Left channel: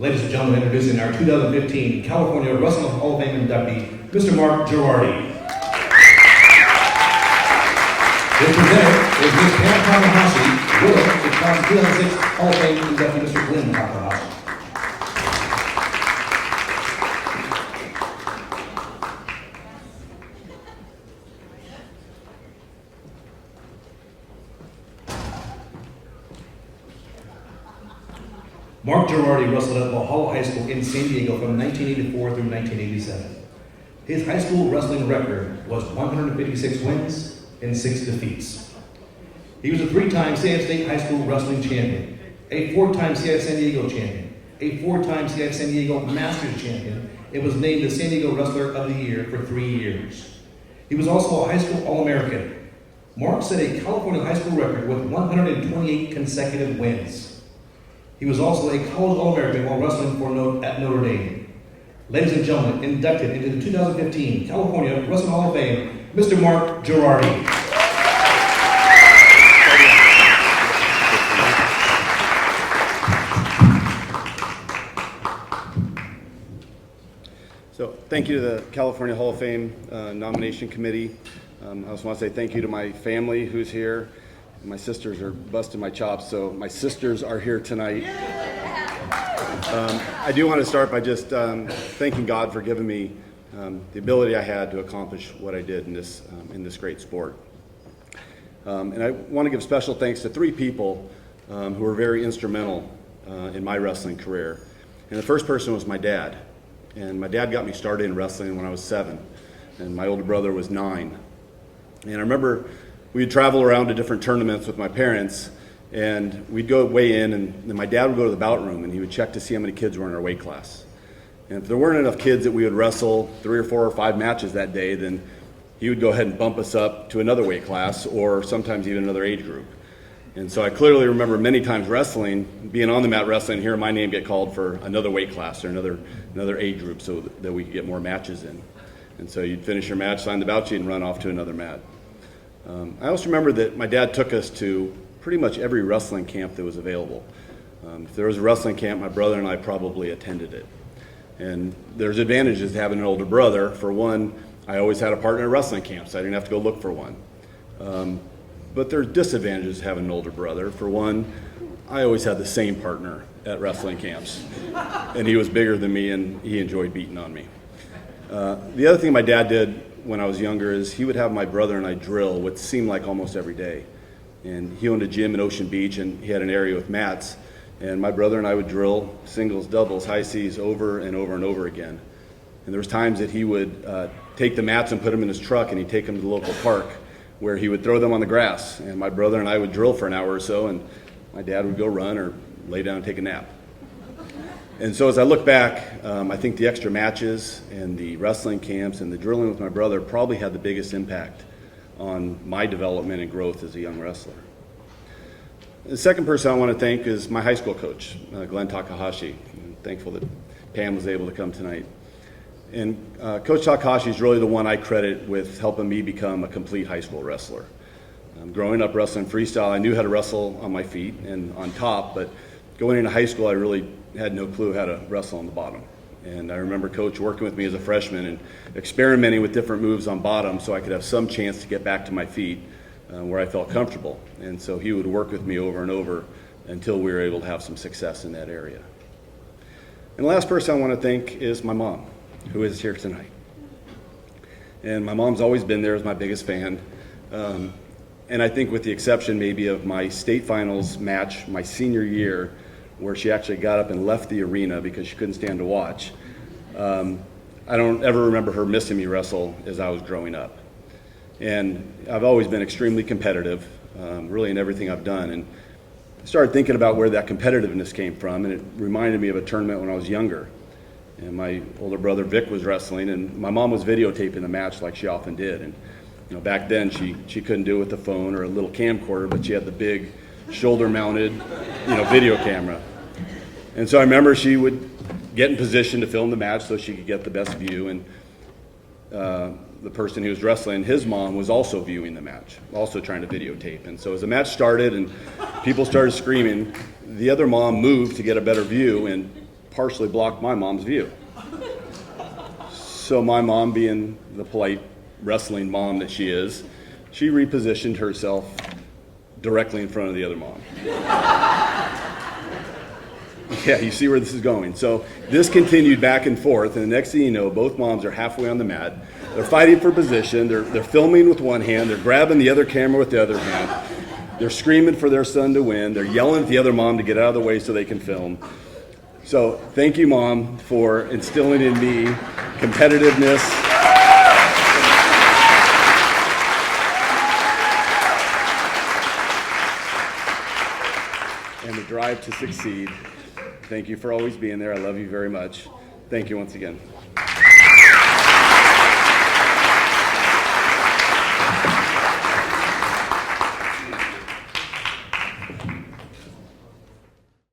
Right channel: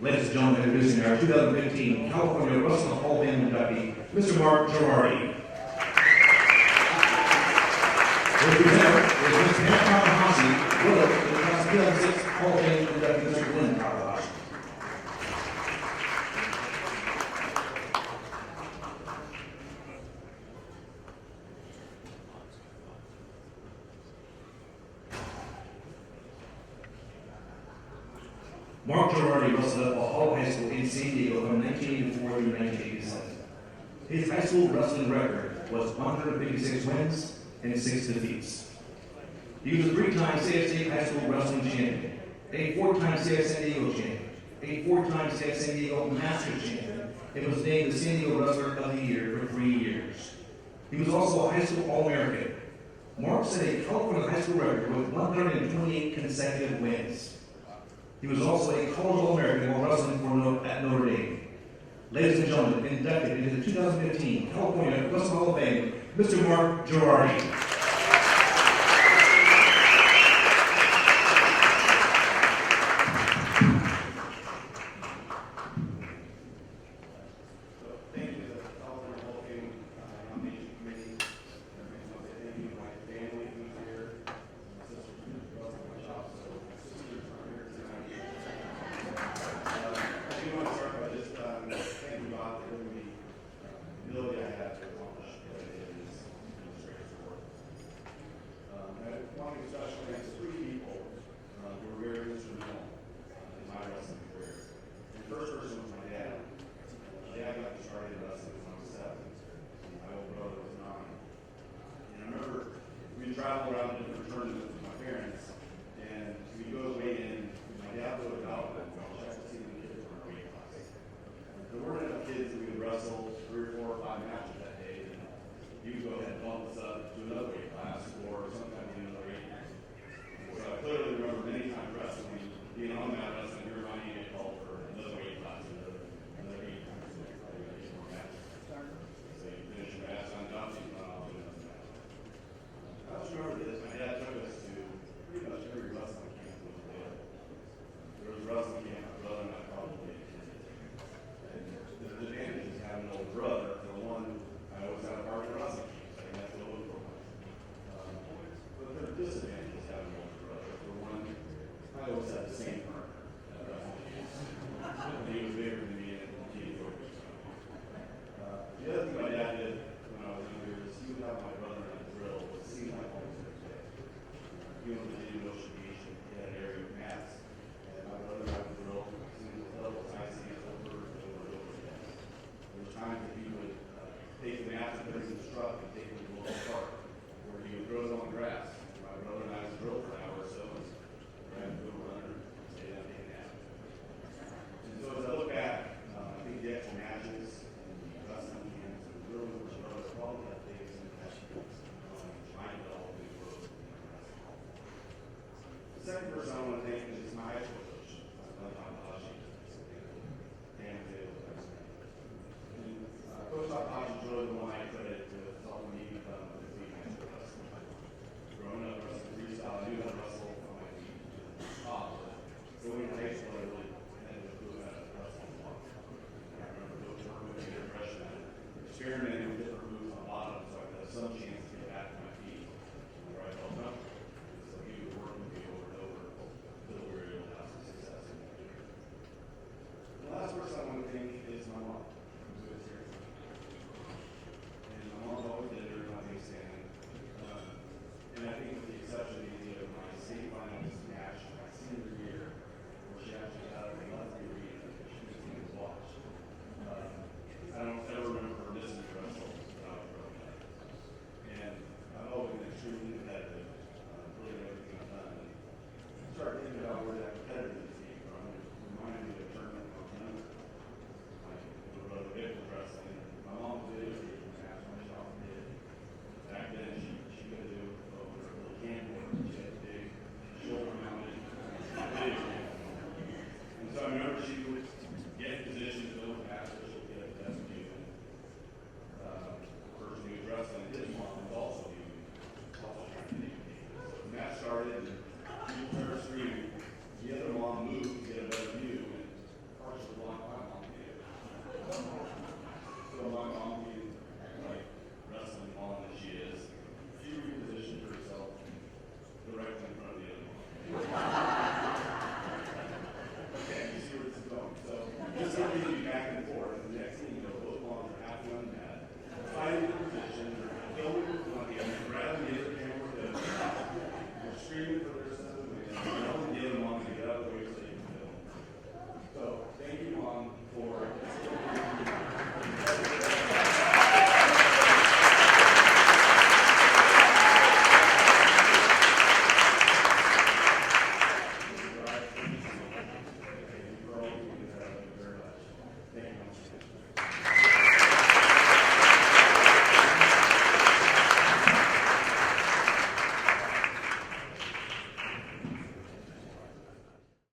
Ladies and gentlemen, introducing our 2015 California Wrestling Hall of Fame inductee, Mr. Mark Gerardi. His presenter is Ms. Pam Takahashi, widow of the Class 2006 Hall of Fame inductee, Mr. Glenn Takahashi. Mark Gerardi wrestled at Valhalla High School in San Diego from 1984 through 1987. His high school wrestling record was 156 wins and 6 defeats. He was a 3-time CIF State High School Wrestling Champion, a 4-time CIF San Diego Champion, a 4-time CIF San Diego Masters Champion, and was named the San Diego Wrestler of the Year for 3 years. He was also a high school All-American. Mark set a California high school record with 128 consecutive wins. He was also a college All-American while wrestling at Notre Dame. Ladies and gentlemen, inducted into the 2015 California Wrestling Hall of Fame, Mr. Mark Gerardi. So thank you to the California Hall of Fame nomination committee. I just want to say thank you to my family who's here. My sisters are busting my chops, so my sisters are here tonight. I do want to start by just thanking God for giving me the ability I had to accomplish what I did in this great sport. And I want to give special thanks to 3 people who were very instrumental in my wrestling career. And the first person was my dad. And my dad got me started in wrestling when I was 7, and my older brother was 9. And I remember we'd travel around to different tournaments with my parents, and we'd go weigh in, and then my dad would go to the bout room, and he would check to see how many kids were in our weight class. And if there weren't enough kids that we would wrestle 3 or 4 or 5 matches that day, then he would go ahead and bump us up to another weight class, or sometimes even another age group. And so I clearly remember many times wrestling, being on the mat wrestling, hearing my name get called for another weight class or another age group so that we could get more matches in. And so you'd finish your match, sign the bout sheet, and run off to another mat. I also remember that my dad took us to pretty much every wrestling camp that was available. If there was a wrestling camp, my brother and I probably attended it. And there's advantages to having an older brother. For one, I always had a partner at wrestling camps, so I didn't have to go look for one. But there's disadvantages to having an older brother. For one, I always had the same partner at wrestling camps. And he was bigger than me, and he enjoyed beating on me. The other thing my dad did when I was younger is he would have my brother and I drill what seemed like almost every day. And he owned a gym in Ocean Beach, and he had an area with mats. And my brother and I would drill singles, doubles, high Cs over and over and over again. And there was times that he would take the mats and put them in his truck, and he'd take them to the local park where he would throw them on the grass. And my brother and I would drill for an hour or so, and my dad would go run or lay down and take a nap. And so as I look back, I think the extra matches and the wrestling camps and the drilling with my brother probably had the biggest impact on my development and growth as a young wrestler. The second person I want to thank is my high school coach, Glenn Takahashi. I'm thankful that Pam was able to come tonight. And Coach Takahashi is really the one I credit with helping me become a complete high school wrestler. Growing up wrestling freestyle, I knew how to wrestle on my feet and on top, but going into high school, I really had no clue how to wrestle on the bottom. And I remember Coach working with me as a freshman and experimenting with different moves on bottom so I could have some chance to get back to my feet where I felt comfortable. And so he would work with me over and over until we were able to have some success in that area. And the last person I want to thank is my mom, who is here tonight. And my mom's always been there as my biggest fan. And I think with the exception maybe of my state finals match my senior year, where she actually got up and left the arena because she couldn't stand to watch. I don't ever remember her missing me wrestle as I was growing up. And I've always been extremely competitive, really in everything I've done. And I started thinking about where that competitiveness came from, and it reminded me of a tournament when I was younger. And my older brother Vic was wrestling, and my mom was videotaping the match like she often did. And back then she couldn't do it with a phone or a little camcorder, but she had the big shoulder-mounted, video camera. And so I remember she would get in position to film the match so she could get the best view. And the person who was wrestling, his mom was also viewing the match, also trying to videotape. And so as the match started and people started screaming, the other mom moved to get a better view and partially blocked my mom's view. So my mom, being the polite wrestling mom that she is, she repositioned herself directly in front of the other mom. Yeah, you see where this is going. So this continued back and forth, and the next thing you know, both moms are halfway on the mat. They're fighting for position. They're filming with one hand. They're grabbing the other camera with the other hand. They're screaming for their son to win. They're yelling at the other mom to get out of the way so they can film. So thank you, Mom, for instilling in me competitiveness. And the drive to succeed. Thank you for always being there. I love you very much. Thank you once again.